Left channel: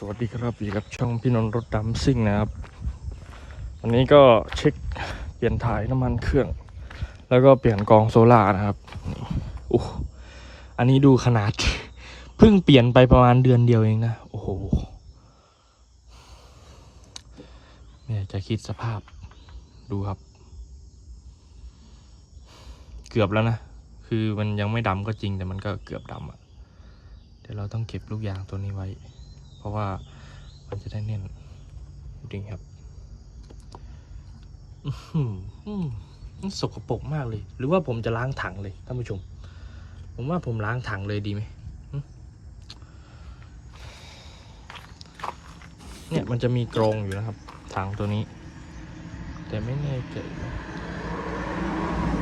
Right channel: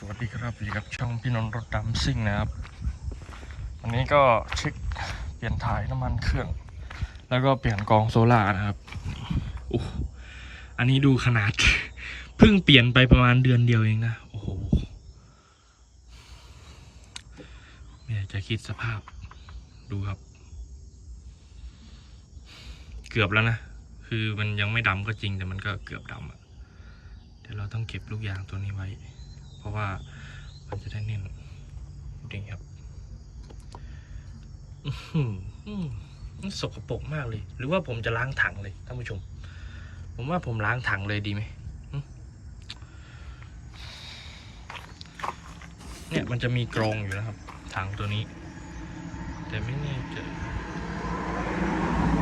สวัสดีครับอยู่กับช่องพี่นนท์รถดำซิ่งนะครับ อันนี้ก็เช็คเปลี่ยนถ่ายน้ำมันเครื่อง แล้วก็เปลี่ยนกองโซล่าร์นะครับอู้อันนี้ดูขนาด เพิ่งเปลี่ยนไปประมาณเดือนเดียวเองนะ โอ้โหไม่ยจะคิดสภาพดูครับ เกือบแล้วนะ คือมันยังไม่ดำก็จริงแต่มันก็เกือบดำอะเดี๋ยวเราต้องเก็บลูกยางตัวนี้ไว้ ราะว่ามันจะได้แน่นดูดิครับอื้อหืมสกปรกมากเลย หรือว่าผมจะล้างถังเลยท่านผู้ชม ผมว่าผมล้างถังเลยดีไหมเนี่ยมันจะมีกรองอยู่นะครับถังตัวนี้ แต่ไม่แน่ใจ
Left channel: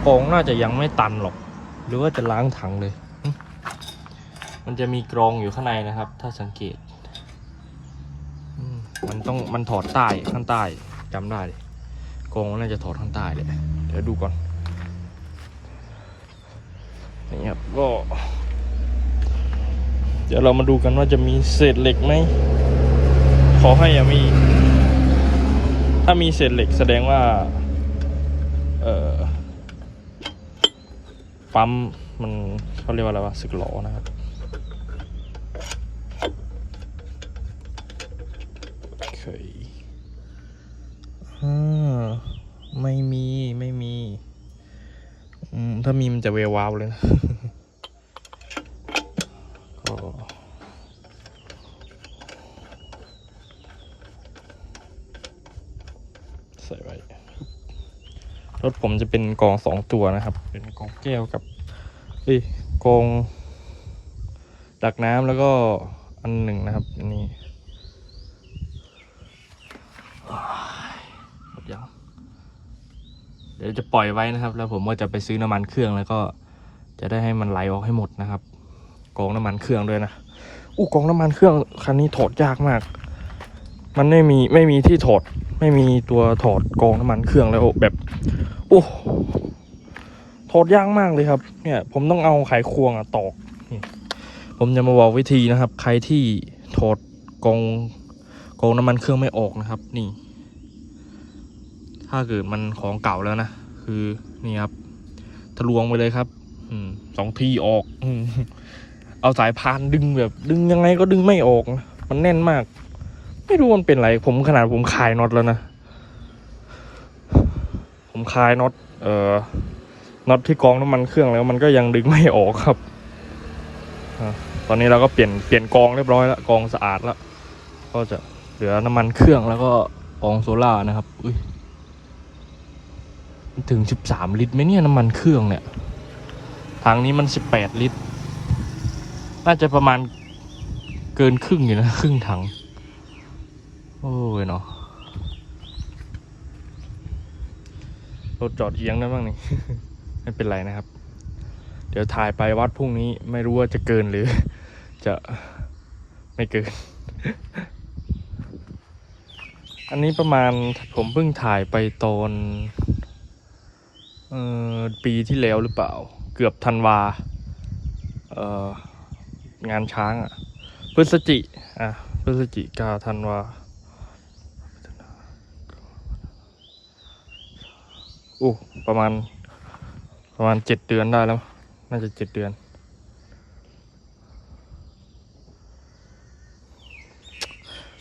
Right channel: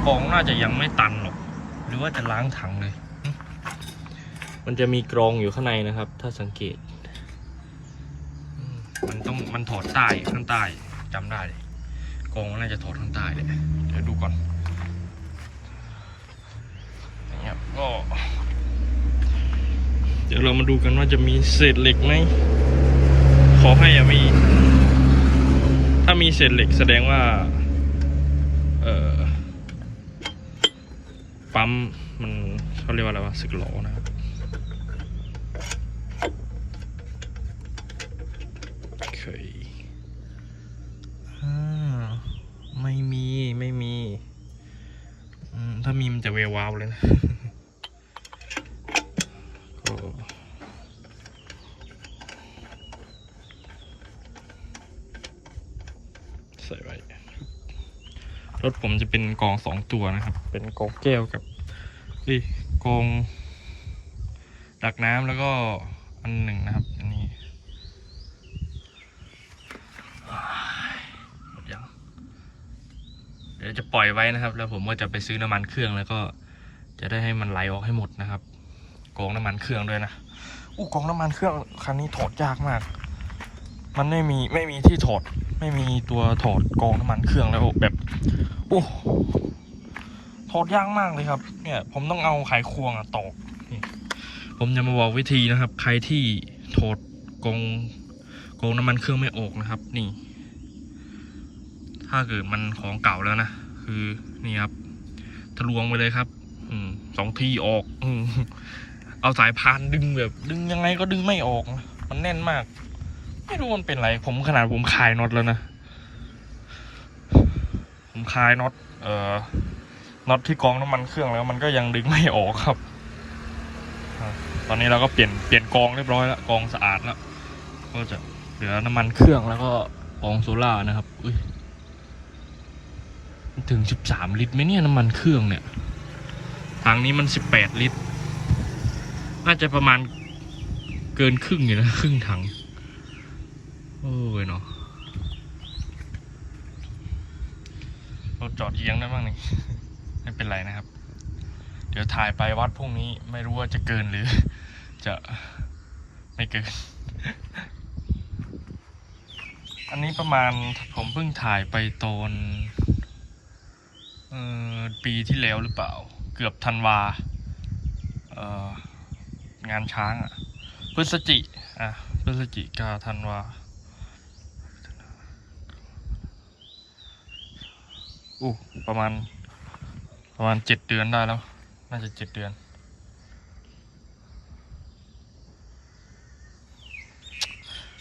กรองน่าจะยังไม่ตันหรอก หรือว่าจะล้างถังเลย มันจะมีกรองอยู่ข้างในนะครับ ถ้าสังเกต มันต้องมันถอดใต้ข้างใต้จำได้กองน่าจะถอดข้างใต้เลยเดี๋ยวดูก่อนนี่ครับก็ เดี๋ยวเรามาดูกันว่าจะมีเศษเหล็กไหมขอให้อย่ามี ถ้ามีเศษเหล็กแสดงว่า เอ่อปั๊มมันเขาเรียกว่าอะไรวะสึกหลอนะครับ เคยอ่า ไม่มีไม่มีถ้ามีมันจะเววาวเลยนะก็ใส่ไว้รถผมจะเป็นกองสองตัวนะครับ เป็นกองแก้วกับเอ้ยกองดักน้ำแล้วก็อันหนึ่งนะครับอันนี้ เดี๋ยวจะปล่อยไว้นะครับ แล้วผมก็จะไปซื้อน้ำมันเครื่องแล้วก็จะได้ให้มันไหลออกให้หมดนะครับกองน้ำมันเครื่องด้วยนะอู้กองน้ำมันเครื่องคันนี้ถอดยากมาก มันไม่มีไม่มีที่ถอด ไม่มีตัวถอดกองน้ำมันเครื่องแล้วแบบโอ้ถอดยากมากเลยครับ เนี่ย ผมต้องเอาไขควงอะตอกผมจะมาบอกวิธีนะครับ ใครที่ถอดกองกองน้ำมันเครื่องไม่ออกนะครับ นี่ ถ้าเกิดมันของเก่าแล้วนะ คือนี่ครับ ทะลวงไปเลยครับ อืมสองทีออกอมเอาสายพานดึงแบบ ดึงยังไงก็ดึงไม่ออก มันแน่นมาก ไม่รู้มันเป็นไร ผมขนาดผมคลายน็อตแล้วนะ ผมคลายน็อต เอ่อ น็อตที่กองน้ำมันเครื่องแล้วมันก็ยังดึงไม่ออกครับ ตอนนี้เราก็เปลี่ยนเปลี่ยนกองเรียบร้อยแล้วกองสะอาดแล้ว ก็จะเหลือน้ำมันเครื่องแล้วก็กองโซล่านะครับ อุ้ย ถึงสิบสามลิตรไหมเนี่ยน้ำมันเครื่องเนี่ยทางนี้มันสิบแปดลิตร น่าจะประมาณเกินครึ่งอยู่นะ ครึ่งถัง โอ้ยเนาะรถจอดเอียงได้บ้างนี่ไม่เป็นไรนะครับ เดี๋ยวถ่ายไปวัดพรุ่งนี้ไม่รู้ว่าจะเกินหรือ จะไม่เกิน อันนี้ประมาณผมเพิ่งถ่ายไปตอน เออปีที่แล้วหรือเปล่า เกือบธันวาเอองานช้างอะพฤศจิอะพฤศจิกาธันวาอู้ประมาณ ประมาณเจ็ดเดือนได้แล้ว น่าจะเจ็ดเดือน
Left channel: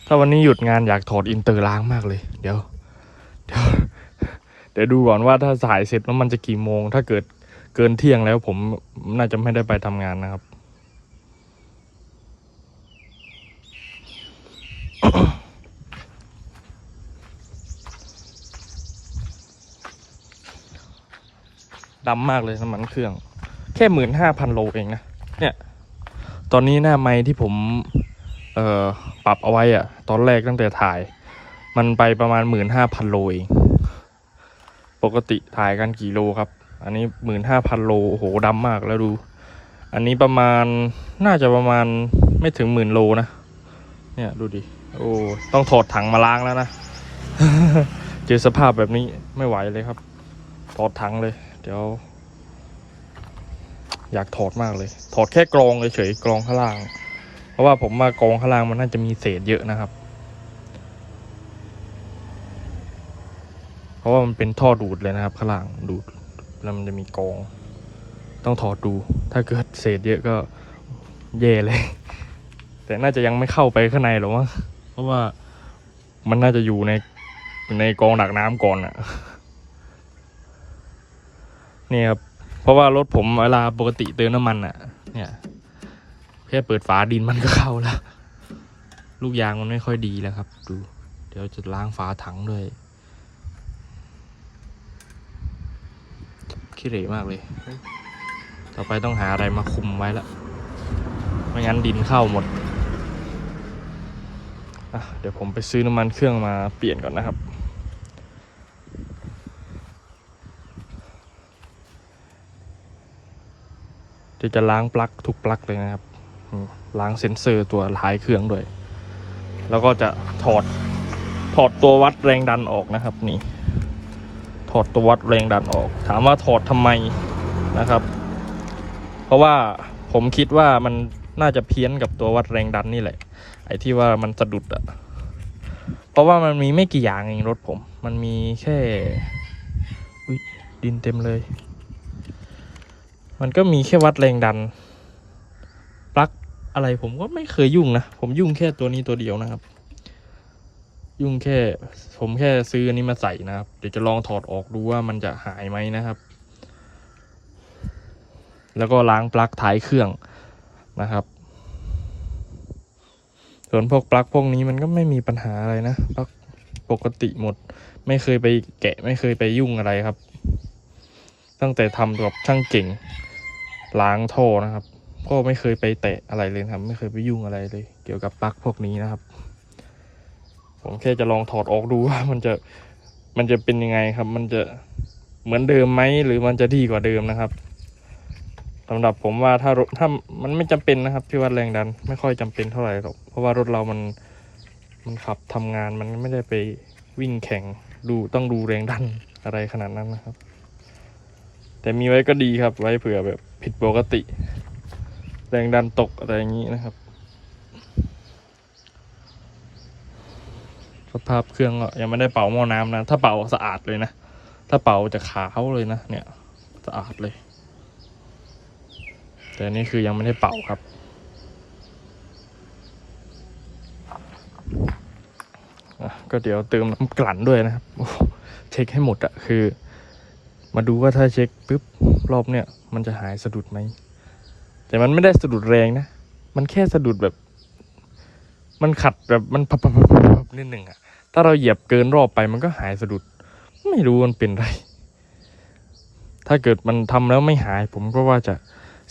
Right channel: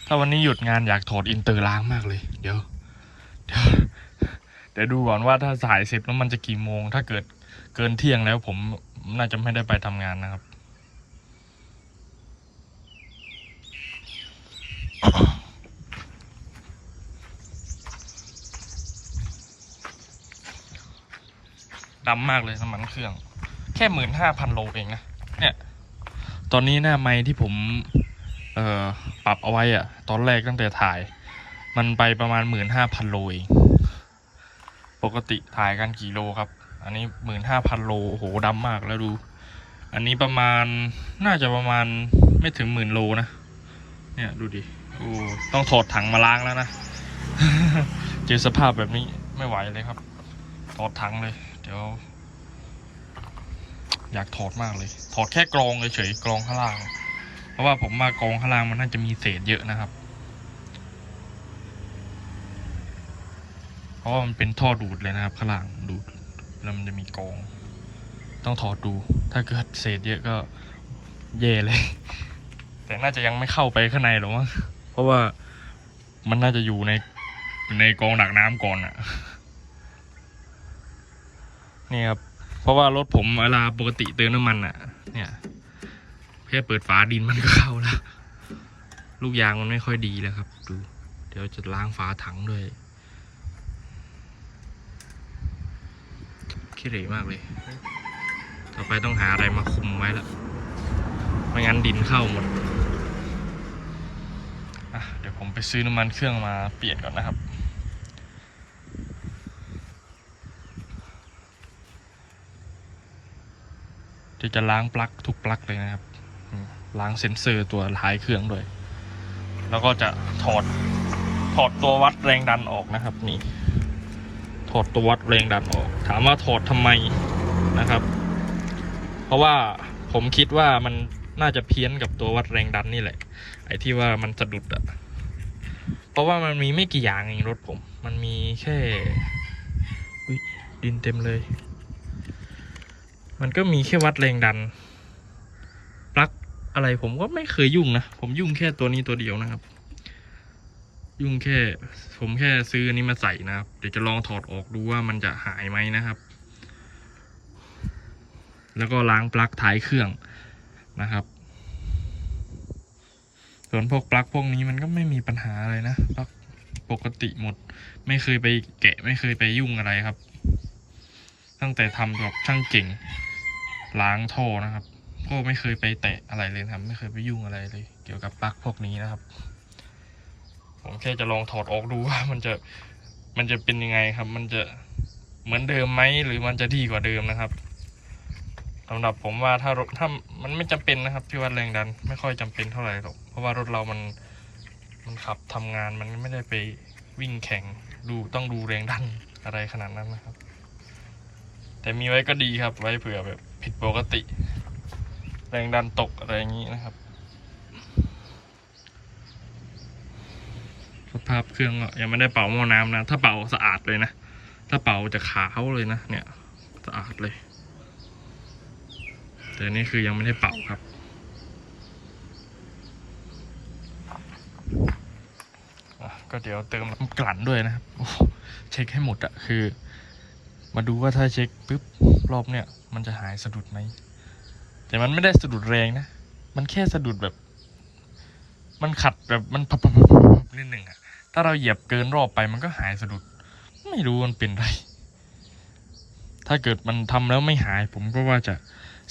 ถ้าวันนี้หยุดงานอยากถอดอินเตอร์ล้างมากเลย เดี๋ยว เดี๋ยว เดี๋ยวดูก่อนว่าถ้าสายเสร็จแล้วมันจะกี่โมง ถ้าเกิดเกินเที่ยงแล้วผมน่าจะไม่ได้ไปทำงานนะครับ ดำมากเลยน้ำมันเครื่อง แค่หมื่นห้าพันโลเองนะ เนี่ย ตอนนี้หน้าไม้ที่ผม เอ่อ ปรับเอาไว้อะตอนแรกตั้งแต่ถ่าย มันไปประมาณหมื่นห้าพันโลเอง ปกติถ่ายกันกี่โลครับ อันนี้หมื่นห้าพันโลโอ้โหดำมากแล้วดู อันนี้ประมาณน่าจะประมาณไม่ถึงหมื่นโลนะ เนี่ยดูดิ โอ้ต้องถอดถังมาล้างแล้วนะ เจอสภาพแบบนี้ไม่ไหวเลยครับ ถอดถังเลย เดี๋ยว อยากถอดมากเลย ถอดแค่กรองเฉยๆกรองข้างล่าง เพราะว่าผมว่ากองข้างล่างมันน่าจะมีเศษเยอะนะครับ เพราะว่ามันเป็นท่อดูดเลยนะครับ ข้างล่างดูดแล้วมันจะมีกอง ต้องถอดดู ถ้าเกิดเศษเยอะก็แย่เลย แต่น่าจะยังไม่เข้าไปข้างในหรอกมั้งเพราะว่ามันน่าจะอยู่ในในกองดักน้ำก่อนอะเนี่ยครับเพราะว่ารถผมเวลาปกติเติมน้ำมันอะเนี่ยแค่เปิดฝาดินมันก็เข้าแล้ว ลูกยางมันไม่ค่อยดีแล้วครับ ดู เดี๋ยวจะล้างฝาถังด้วย ขี้เหร่มากเลย ต่อไปต้องหาอะไรมาคุมไว้ละไม่งั้นดินเข้าหมด เดี๋ยวผมไปซื้อน้ำมันเครื่องมาเปลี่ยนก่อนนะครับเดี๋ยวจะล้างปลั๊กทุกปลั๊กเลยนะครับ ล้างเซ็นเซอร์ตัวท้ายเครื่องด้วย แล้วก็จะถอดถอดตัววัดแรงดันออกนะครับนี่ อดตัววัดแรงดันออก ถามว่าถอดทำไมนะครับ เพราะว่าผมคิดว่ามันน่าจะเพี้ยนกับตัววัดแรงดันนี่แหละ ไอ้ที่ว่ามันสะดุดอะเพราะว่ามันมีไม่กี่อย่างเองรถผม มันมีแค่ดินเต็มเลย มันก็มีแค่วัดแรงดันปลั๊กอะไรผมก็ไม่เคยยุ่งนะ ผมยุ่งแค่ตัวนี้ตัวเดียวนะครับ ยุ่งแค่ ผมแค่ซื้ออันนี้มาใส่นะครับ เดี๋ยวจะลองถอดออกดูว่ามันจะหายไหมนะครับ แล้วก็ล้างปลั๊กท้ายเครื่องนะครับ ส่วนพวกปลั๊กพวกนี้มันก็ไม่มีปัญหาอะไรนะปลั๊กปกติหมด ไม่เคยไปแกะไม่เคยไปยุ่งอะไรครับ ตั้งแต่ทำกับช่างเก่งล้างท่อนะครับ ก็ไม่เคยไปแตะอะไรเลยครับ ไม่เคยไปยุ่งอะไรเลย เกี่ยวกับปลั๊กพวกนี้นะครับ ผมแค่จะลองถอดออกดูว่ามันจะมันจะเป็นยังไงครับ มันจะเหมือนเดิมไหมหรือมันจะดีกว่าเดิมนะครับสำหรับผมว่าถ้ารถถ้ามันไม่จำเป็นนะครับที่วัดแรงดันไม่ค่อยจำเป็นเท่าไหร่หรอกเพราะว่ารถเรามันมันขับทำงานมันไม่ได้ไปวิ่งแข่งดูต้องดูแรงดันอะไรขนาดนั้นนะครับ แต่มีไว้ก็ดีครับไว้เผื่อแบบผิดปกติ แรงดันตกอะไรอย่างนี้นะครับ สภาพเครื่องก็ยังไม่ได้เป่าหม้อน้ำนะ ถ้าเป่าสะอาดเลยนะ ถ้าเป่าจะขาวเลยนะ เนี่ย สะอาดเลย แต่นี่คือยังไม่ได้เป่าครับ ก็เดี๋ยวเติมน้ำกลั่นด้วยนะครับ เช็คให้หมดอะคือ มาดูว่าถ้าเช็คปุ๊บรอบเนี่ย มันจะหายสะดุดไหม แต่มันไม่ได้สะดุดแรงนะ มันแค่สะดุดแบบ มันขัดแบบมันพับพับพับพับนิดหนึ่งอะ ถ้าเราเหยียบเกินรอบไปมันก็หายสะดุด ไม่รู้มันเป็นไร ถ้าเกิดมันทำแล้วไม่หาย ผมก็ว่าจะ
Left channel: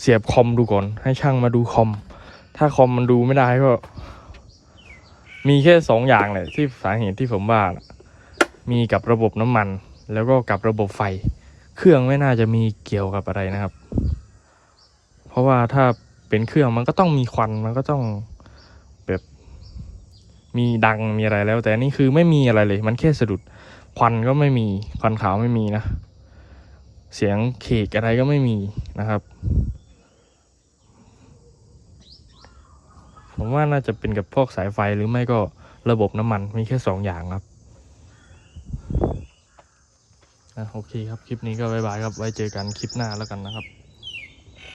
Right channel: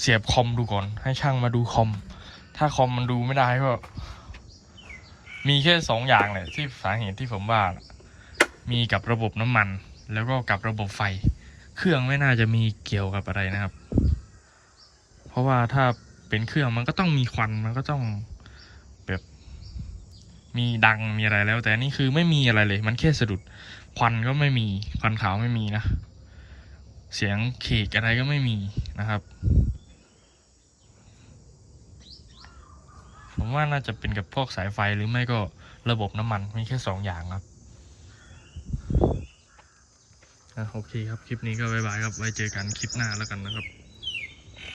เสียบคอมดูก่อน ให้ช่างมาดูคอม ถ้าคอมมันดูไม่ได้ก็ มีแค่สองอย่างเลยที่สาเหตุที่ผมว่า มีกับระบบน้ำมัน แล้วก็กับระบบไฟ เครื่องไม่น่าจะมีเกี่ยวกับอะไรนะครับ เพราะว่าถ้าเป็นเครื่องมันก็ต้องมีควันมันก็ต้อง มีดังมีอะไรแล้ว แต่นี่คือไม่มีอะไรเลย มันแค่สะดุดควันก็ไม่มีควันขาวไม่มีนะ เสียงเคกอะไรก็ไม่มีนะครับ ผมว่าน่าจะเป็นกับพวกสายไฟหรือไม่ก็ระบบน้ำมันมีแค่สองอย่างครับอะโอเคครับ คลิปนี้ก็บายบายครับ ไว้เจอกันคลิปหน้าแล้วกันนะครับ